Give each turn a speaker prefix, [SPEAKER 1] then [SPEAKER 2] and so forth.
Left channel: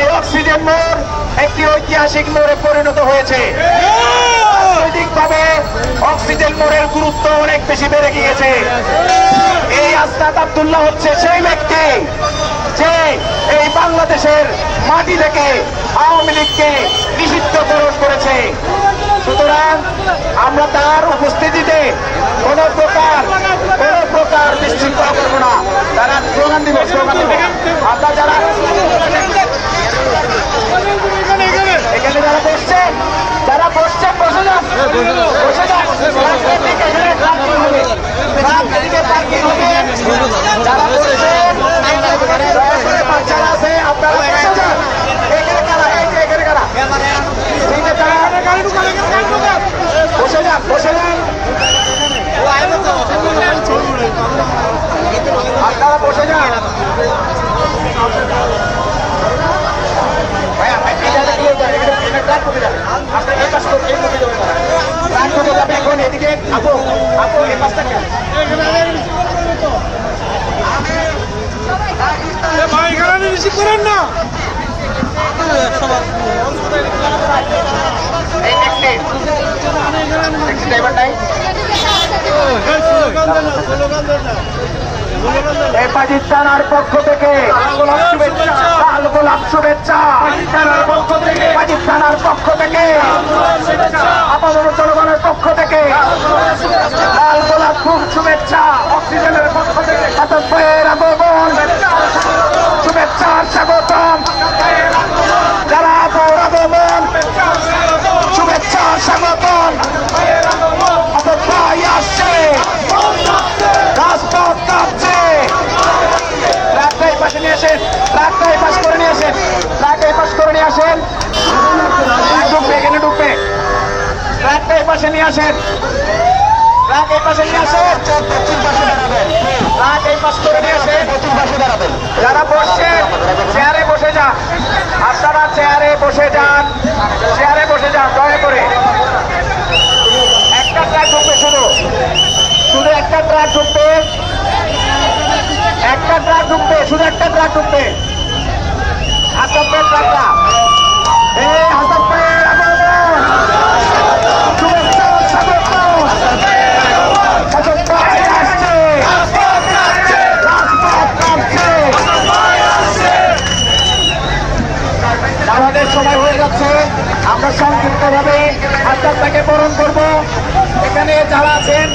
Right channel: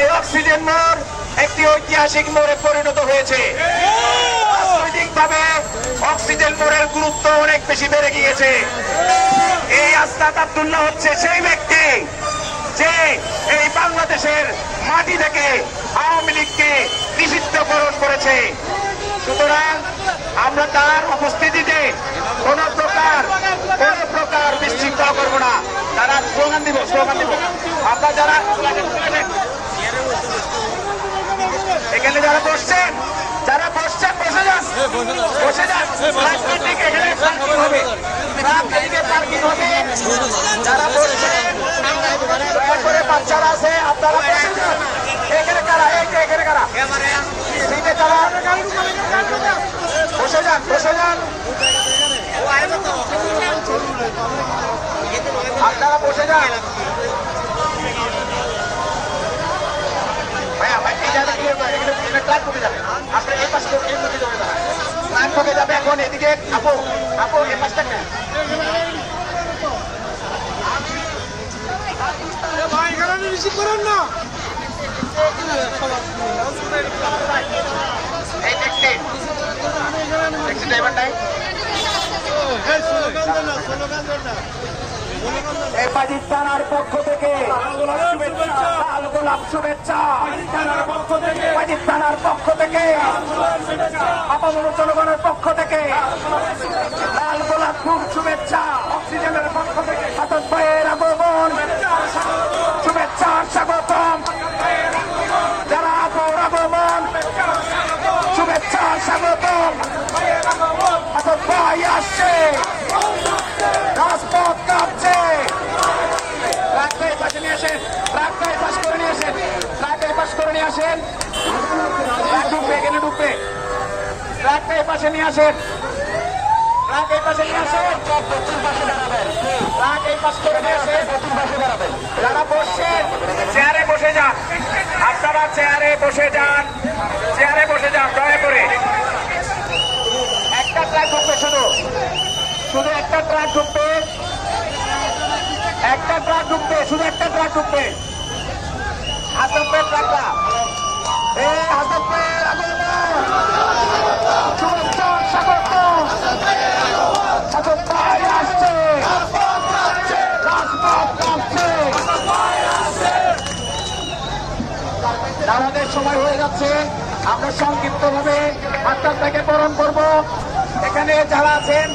[SPEAKER 1] এই অক্সিজেন মোড় একটি ঐতিহাসিক মোড়ে পরিণত হয়েছে। অক্সিজেন মোড়ের গুরুত্ব অনেক বেশি বেড়ে গিয়েছে। এই আস্তাদ আব্দুল্লাহ হচ্ছে সেই ব্যক্তি যে এই বাংলাদেশের মাটি থেকে আওয়ামী লীগকে নিষিদ্ধকরণ করেছে। সুতরাং আমরা তার উপস্থিতিতে কোন প্রকার কোন প্রকার বিশৃঙ্খলা করব না। তারা স্লোগান দিব স্লোগান দিব। আপনার যারা এখানে যারা বসছেন যারা বসছেন বসে যান বসে যান রাস্তার দিকে হবে রাস্তার দিকে পার্কিং হবে যারা বসছেন দয়া করে বাচ্চারা আছে আপনারা বসে যান এখানে কারা এই যে এখানে কারা সিটে কারা বসে যান বসে যান আপনারা বসে যান ভাইয়া, ভাই, এই জায়গাটা clear করেন, এখানে- এখানে ট্রাক ঢুকে যাবে। আপনারা এই পাশ থেকে- এই দিকে যাবেন না। ঢুকে যাবে এখন এদিকে আপু আপু এই
[SPEAKER 2] ভাই এখানে রিসিভ করেন না
[SPEAKER 1] ড্রাইভার নাই এই পাকিস্তানের পক্ষ থেকে লাল গোলাপ শুভেচ্ছা গোলাপ পাকিস্তানের পক্ষ থেকে থেকে জনগণের পক্ষ থেকে লাল গোলাপ খুব শুভেচ্ছা, অক্সিজেনের পক্ষ থেকে হাতক ভাইয়ের আগমন। শুভেচ্ছার স্বাগতম। যারা আপুর আগমন শুভেচ্ছার স্বাগতম। আসছে। রাজপথ কাঁপছে ট্রাকটা এই পাশ করে নিয়ে আসেন। ট্রাক এই পাশ করে নিয়ে আসেন। ঢুকবে এখানে ঢুকবে। ট্রাকটা এই পাশে নিয়ে আসেন। ট্রাক এই পাশে নিয়ে আসেন। পশ্চিম পাশে দাঁড়াবেন। ট্রাক এই পাশ করে নিয়ে আসেন। পশ্চিম পাশে দাঁড়াবেন। যারা বসছেন চেয়ারে বসে যান। আপনারা চেয়ারে বসে যান। চেয়ারে বসে যান দয়া করে। একটা ট্রাক ঢুকবে শুধু শুধু একটা ট্রাক ঢুকবে একটা ট্রাক ঢুকবে, শুধু একটা ট্রাক ঢুকবে। আসামের এই হয়ে সংক্ষিপ্ত ভাবে আপনাকে বরণ করব। এখানে যারা আছেন